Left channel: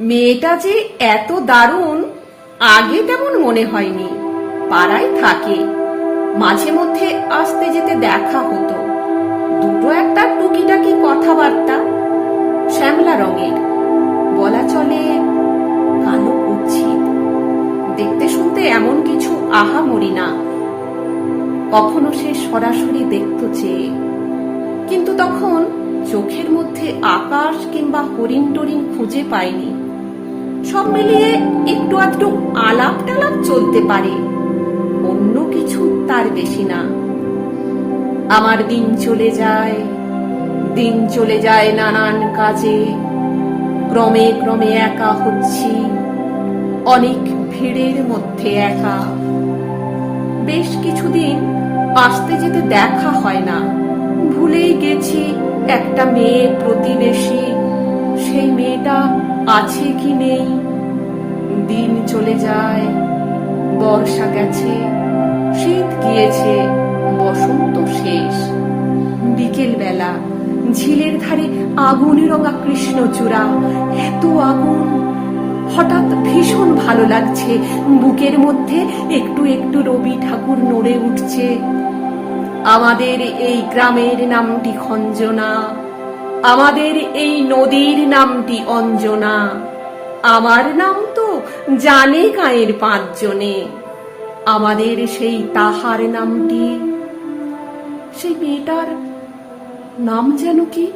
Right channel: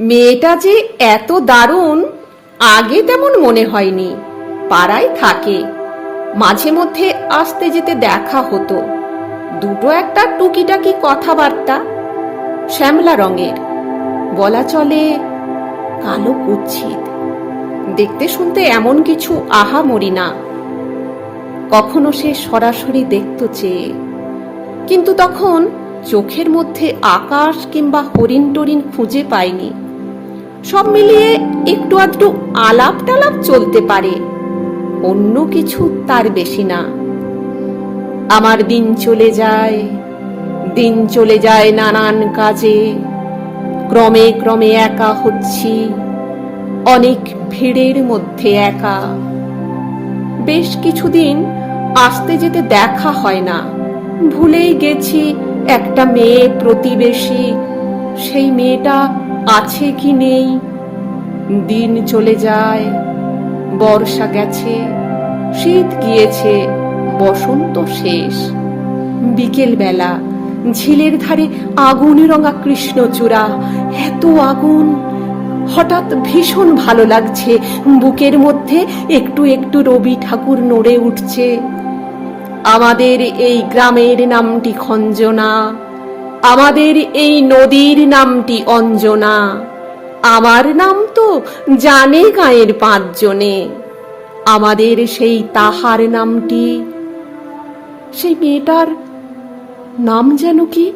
মেয়েটা যে এত দারুণ, আগে তেমন মনে হয়নি। পাড়ায় থাকে। মাঝে মধ্যে আসতে যেতে দেখা হতো। দুটো একটা টুকিটাকি কথাবার্তা, শ্যামলা রঙের। বলা চলে কালো কুচ্ছিত দেখতে শুনতে এমন কিছু আহা মরি না। কখনো সে সরাসরি দেখত চেয়ে কিন্তু তখন চোখের মধ্যে আকাশ কিংবা হরিণ টরিন খুঁজে পায়নি সব মিলিয়ে একটু আধটু আলাপ টালাপ চলতে পারে। অন্য কিছু তার বেশি না। আমার দিন চলে যায়, দিন চলে যায় নানান কাজে। ক্রমে ক্রমে একা হচ্ছি, অনেক ভিড়ের মধ্যে একা। বেশ কিছুদিন আসতে যেতে দেখা হয় না। ভুলেই গেছি একটা মেয়ে প্রতিবেশী, সেই মেয়েটা আছে কি নেই? দিন চলে যায়, বর্ষা গেছে, শীত গিয়েছে, বসন্ত শেষ। বিকেল বেলা ঝিলের ধারে আগুন রঙা কৃষ্ণচূড়া, এত আগুন! হঠাৎ ভীষণ ভালো লাগছে, বুকের মধ্যে একটু একটু রবি ঠাকুর নড়ে উঠছে। আমাদের এই গ্রামের নামটি খঞ্জনা, আমাদের এই নদীর নামটি অঞ্জনা, আমার নাম তো জানে গায়ের পাঁচজনে, আমাদের সেই তাহার নামটি। সেই মেয়েটার নাম যেন কি?